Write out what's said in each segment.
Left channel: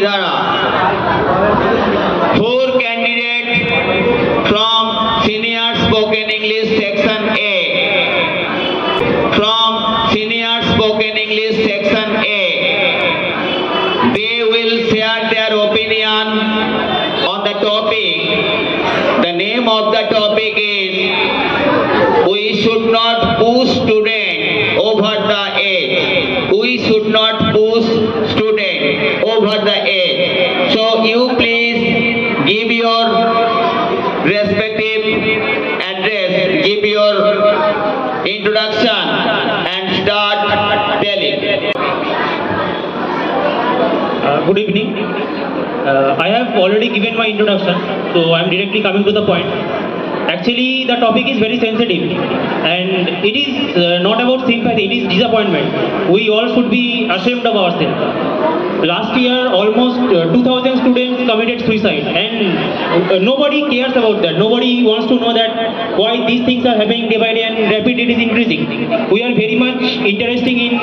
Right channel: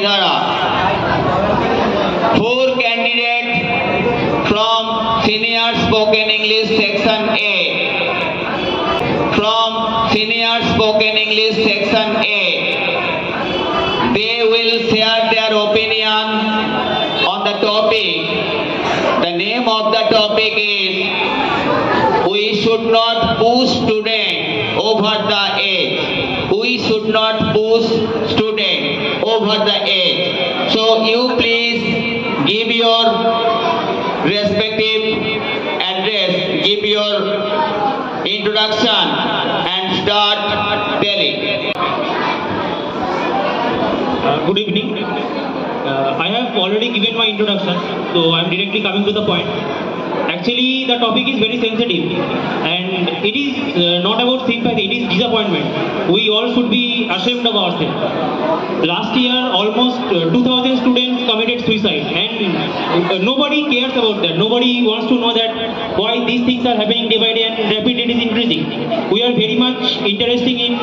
Dhara. 4 candidates from Senior Spoken English Section A. From Senior Spoken English Section A. They will share their opinion on the topic. The name of the topic is "We should not push students over the age." We should not push students over the age. So you please give your respective address, give your introduction and start telling. Good evening. I have already given my introduction, so I am directly coming to the point. Actually, the topic is very sensitive, and it is not about sympathy, it is disappointment. We all should be ashamed of ourselves. Last year, almost 2,000 students committed suicide, and nobody cares about that. Nobody wants to know that why these things are happening day by day and rapidly it is increasing. We are very much interested in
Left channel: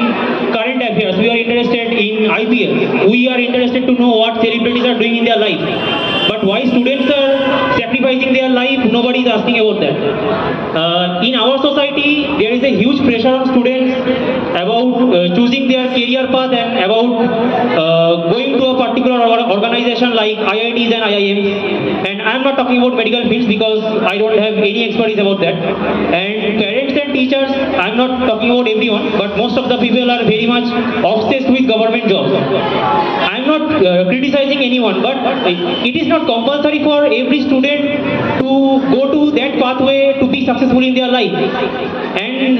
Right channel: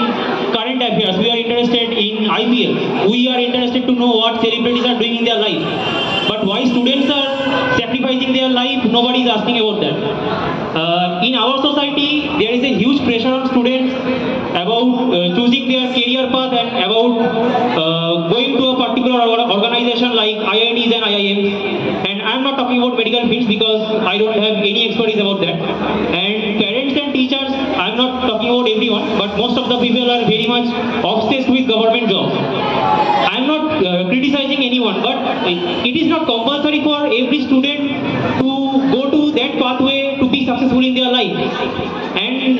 current affairs. We are interested in IPL. We are interested to know what celebrities are doing in their life. But why students are sacrificing their life, nobody is asking about that. In our society, there is a huge pressure on students about choosing their career path and about going to a particular organization like IITs and IIMs. And I am not talking about medical fields because I don't have any expertise about that. And parents and teachers, I am not talking about everyone, but most of the people are very much obsessed with government jobs. I am not criticizing anyone, but it is not compulsory for every student to go to that pathway to be successful in their life. And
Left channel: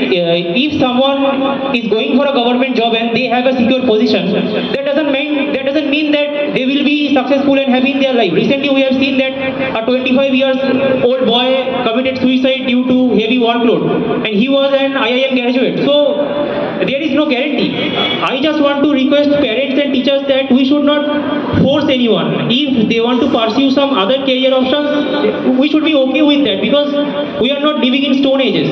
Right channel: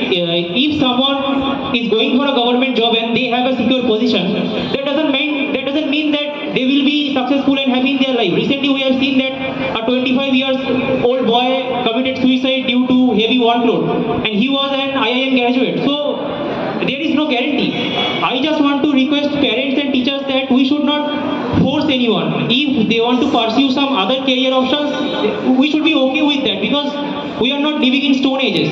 if someone is going for a government job and they have a secure position, that doesn't mean that they will be successful and happy in their life. Recently we have seen that a 25-year-old boy committed suicide due to heavy workload, and he was an IIM graduate. So there is no guarantee. I just want to request parents and teachers that we should not force anyone. If they want to pursue some other career options, we should be okay with that, because we are not living in stone ages.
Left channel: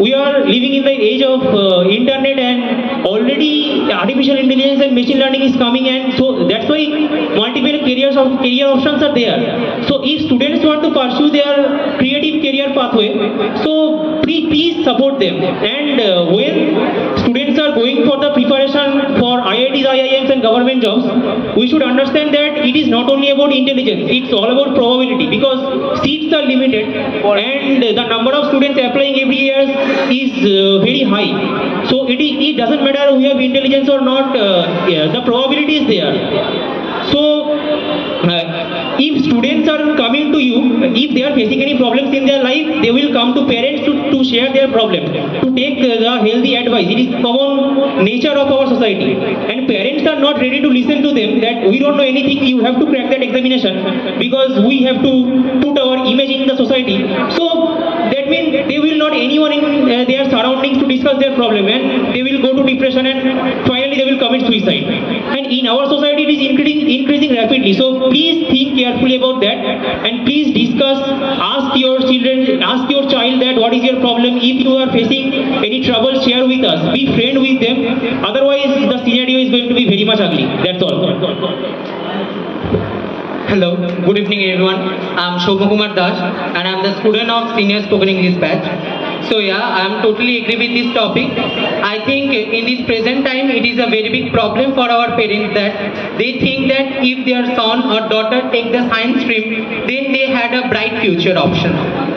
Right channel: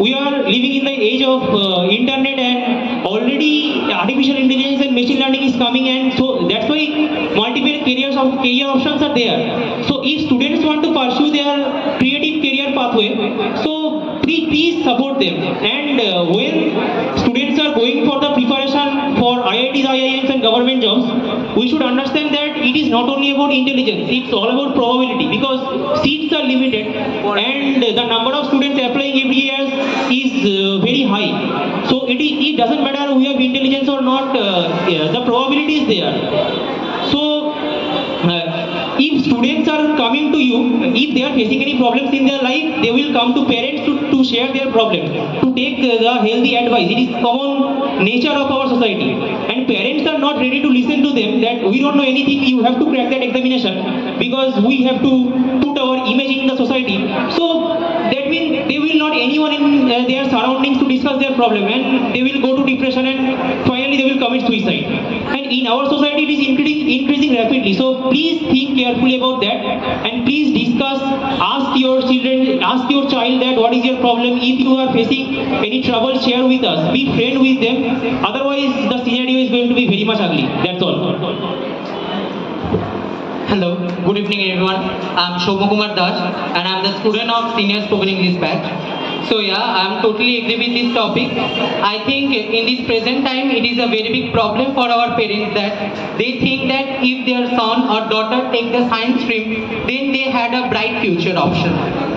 We are living in the age of internet, and already artificial intelligence and machine learning is coming, and so that's why multiple career options are there. So if students want to pursue their creative career pathway, so please support them. And when students are going for the preparation for IITs, IIMs and government jobs, we should understand that it is not only about intelligence, it's all about probability, because seats are limited and the number of students applying every year is very high. So it doesn't matter we have intelligence or not, the probability is there. So if students are coming to you, if they are facing any problems in their life, they will come to parents to share their problem, to take the healthy advice. It is common nature of our society, and parents are not ready to listen to them that we don't know anything, you have to crack that examination, because we have to put our image in the society. So that means they will not anyone in their surroundings to discuss their problem, and they will go to depression, and finally they will commit suicide. And in our society it is increasing rapidly. So please think carefully about that, and please discuss, ask your children, ask your child that what is your problem. If you are facing any trouble, share with us, be friend with them, otherwise the scenario is going to be very much ugly. That's all. Hello, good evening everyone. I am Shobha Kumar Das and I am the student of Senior Spoken English batch. So yeah, I am totally agree with this topic. I think in this present time it is a very big problem for our parents that they think that if their son or daughter take the science stream, then they had a bright future option.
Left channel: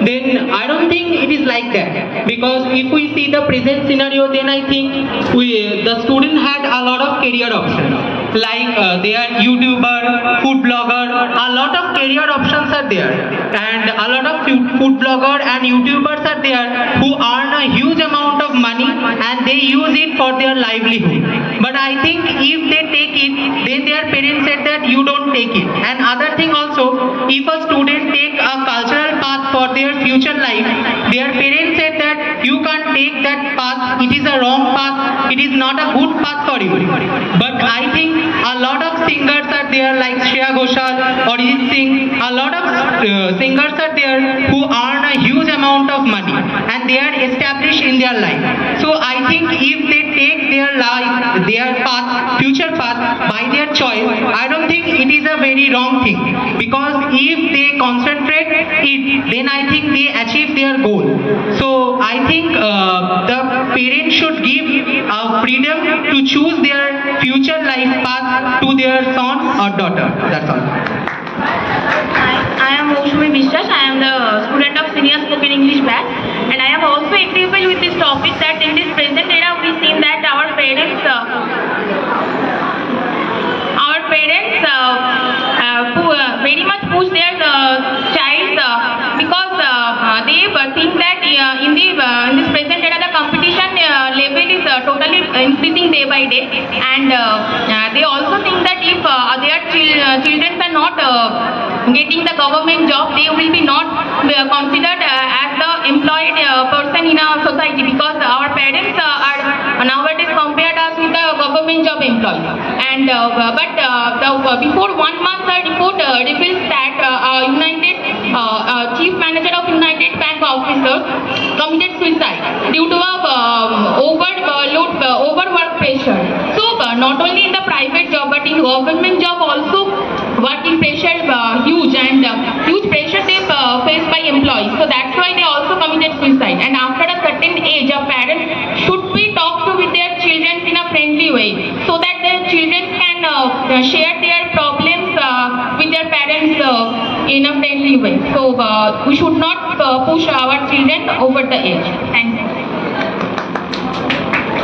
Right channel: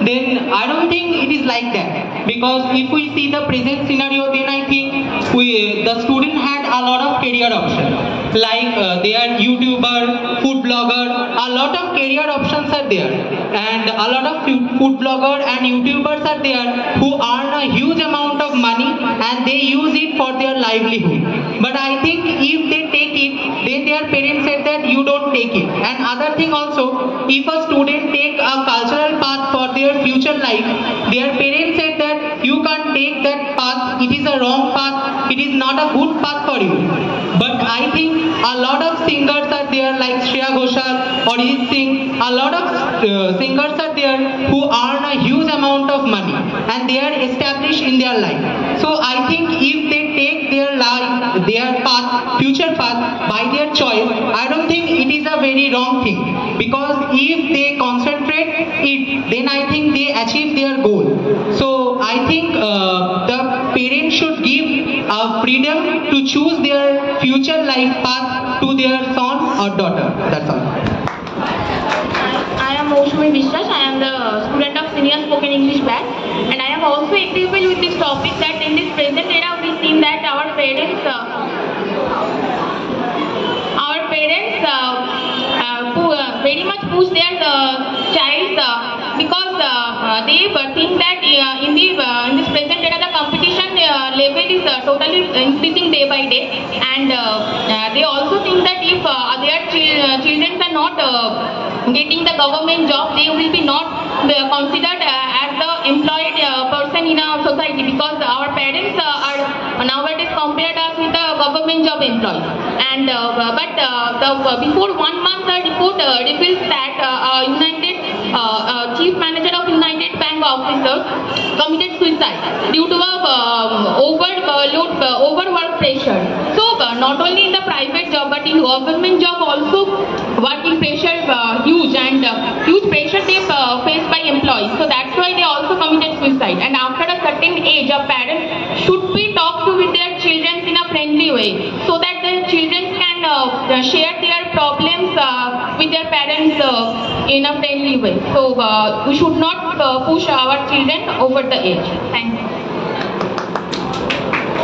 Then I don't think it is like that, because if we see the present scenario, then I think the student had a lot of career options, like they are YouTuber, food blogger, a lot of career options are there, and a lot of food blogger and YouTubers are there who earn a huge amount of money and they use it for their livelihood. But I think if they take it, then their parents said that you don't take it. And other thing also, if a student take a cultural path for their future life, their parents said that you can't take that path, it is a wrong path, it is not a good path for you. But I think a lot of singers are there like Shreya Ghoshal or Arijit Singh, a lot of singers are there who earn a huge amount of money and they are established in their life. So I think if they take their life, their path, future path by their choice, I don't think very wrong thing, because if they concentrate it, then I think they achieve their goal. So I think the parents should give freedom to choose their future life path to their son or daughter. That's all. I am Moushumi Vishwas. I am the student of Senior Spoken English batch, and I am also agreeable with this topic that in this present era we seen that our parents very much push their child because they think that in this present era the competition level is totally increasing day by day, and they also think that if their children are not getting the government job, they will be not considered as the employed person in our society, because our parents are nowadays compared us with the government job employees. And before 1 month the report reveals that United Chief Manager of United Bank officers committed suicide due to overwork pressure. So not only in the private job but in government job also working pressure is huge, and huge pressure they faced by employees. So that's why they also committed suicide. And after a certain age, a parent should be talked to with their children in a friendly way, so that their children can share their problems with their parents in a friendly way. So we should not push our children over the age. Thank you.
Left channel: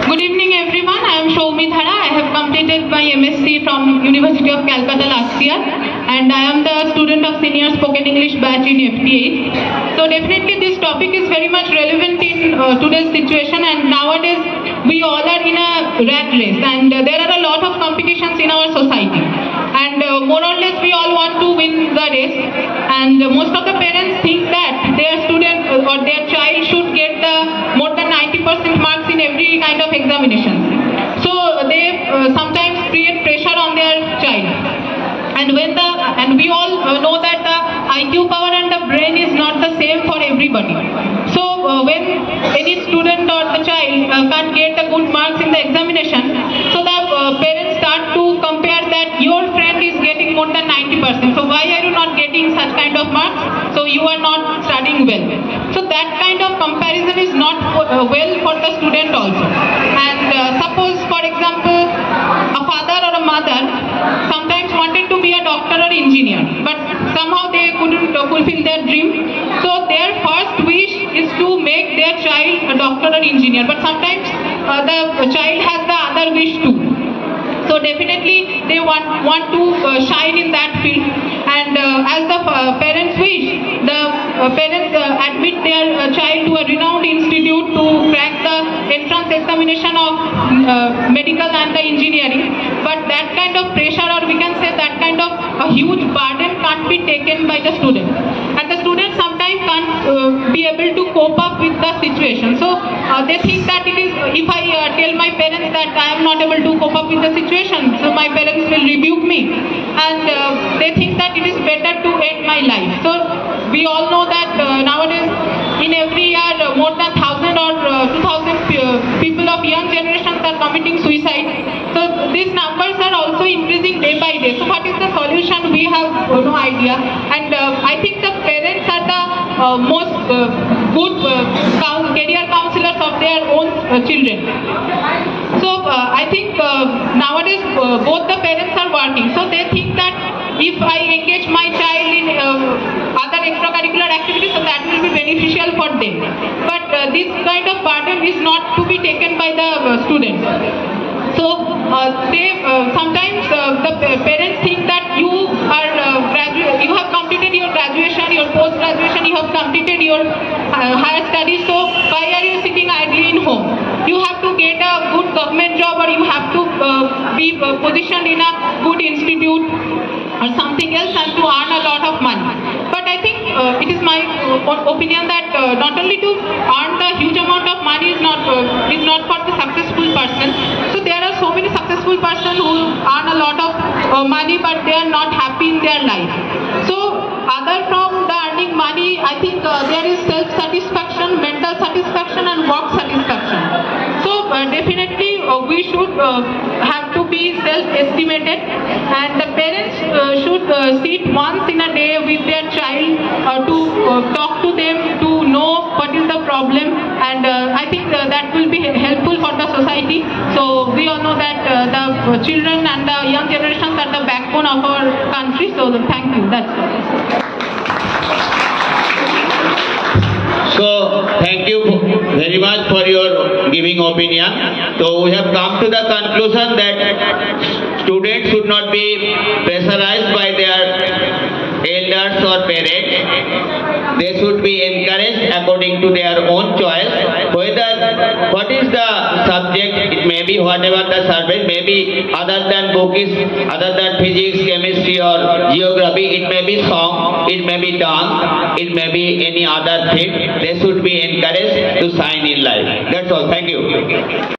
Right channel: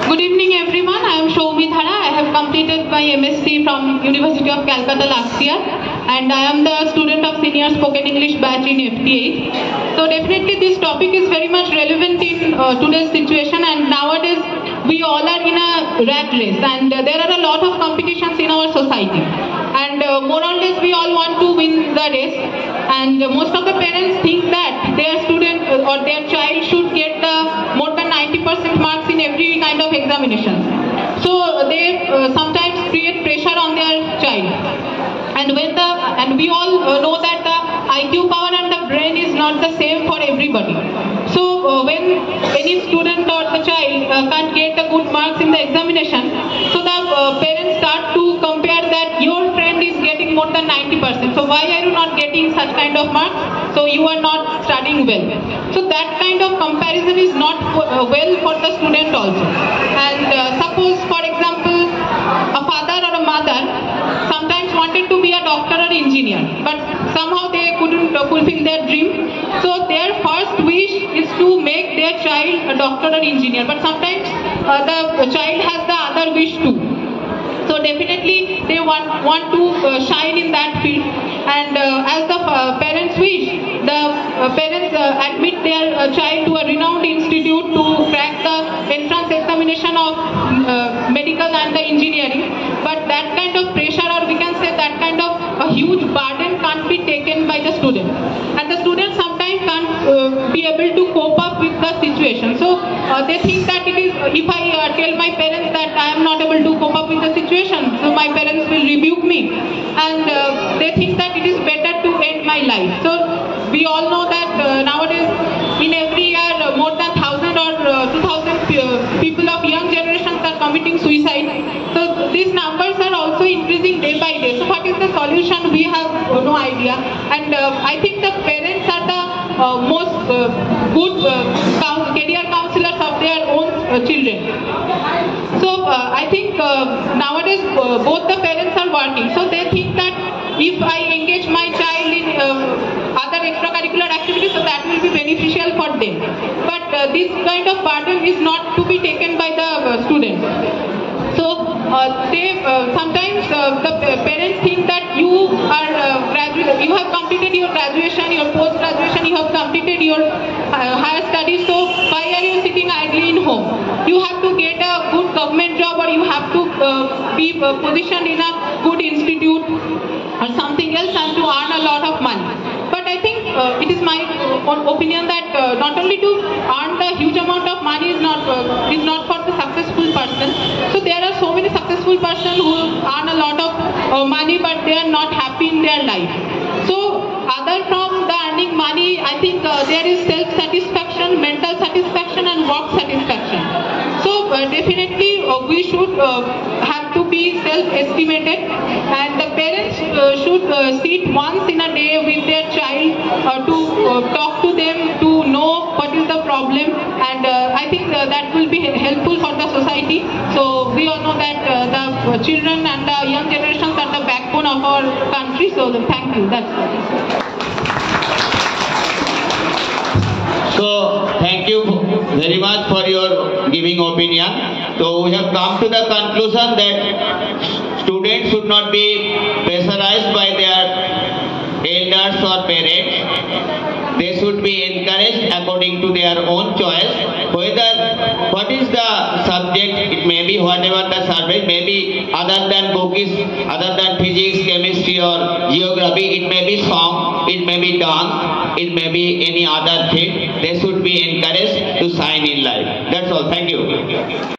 Good evening everyone, I am Shoumi Dhara. I have completed my MSc from University of Calcutta last year, and I am the student of Senior Spoken English batch in FT8. So definitely this topic is very much relevant in today's situation, and nowadays we all are in a rat race, and there are a lot of competitions in our society, and more or less we all want to win the race, and most of the parents think that their student or their child should get the more than 90% marks in every kind of examination. So they sometimes create pressure on their child, and we all know that the IQ power and the brain is not the same for everybody. So when any student or the child can't get the good marks in the examination, so the parents start to compare that your friend is getting more than 90%. So why are you not getting such kind of marks? So you are not studying well. So that kind of comparison is not well for the student also. And suppose, for example, a father or a mother sometimes wanted to be a doctor or engineer, but somehow they couldn't fulfill their dream. So their first wish is to make their child a doctor or engineer, but sometimes the child has the other wish too. So definitely they want to shine in that field, and as the parents wish, the parents admit their child to a renowned institute to crack the entrance examination of medical and the engineering. But that kind of pressure, or we can say that kind of a huge burden, can't be taken by the student, and the student sometimes can't be able to cope up with the situation. So they think that it is, if I tell my parents that I am not able to cope up with the situation, so my parents will rebuke me, and they think that it is better to end my life. So we all know that nowadays in every year more than 1,000 or 2,000 people of young generations are committing suicide. So these numbers are also increasing day by day. So what is the solution? We have no idea, and I think the parents are the most good career counselors of their own children. So I think nowadays both the parents are working, so they think that if I engage my child in other extracurricular activities, so that will be beneficial for them. But this kind of burden is not to be taken by the students. So sometimes the parents think that you are you have completed your graduation, your post-graduation, you have completed your higher studies, so why are you sitting idly in home? You have to get a good government job, or you have to be positioned in a good institute or something else, and to earn a lot of money. But I think it is my opinion that not only to earn the huge amount of money is not for the successful person. So there are so many successful persons who earn a lot of money, but they are not happy in their life. So other from the earning money, I think there is self-satisfaction, mental satisfaction, and work satisfaction. So definitely we should have to be self-estimated, and the parents should should sit once in a day with their child to talk to them, to know what is the problem, and I think that will be helpful for the society. So we all know that the children and the young generations are the backbone of our country. So thank you. That's all. So thank you very much for your giving opinion. So we have come to the conclusion that students should not be pressurized by their elders or parents. They should be encouraged according to their own choice. What is the subject, it may be whatever the subject, maybe other than bookish, other than physics, chemistry or geography, it may be song, it may be dance, it may be any other thing. They should be encouraged to shine in life. That's all. Thank you.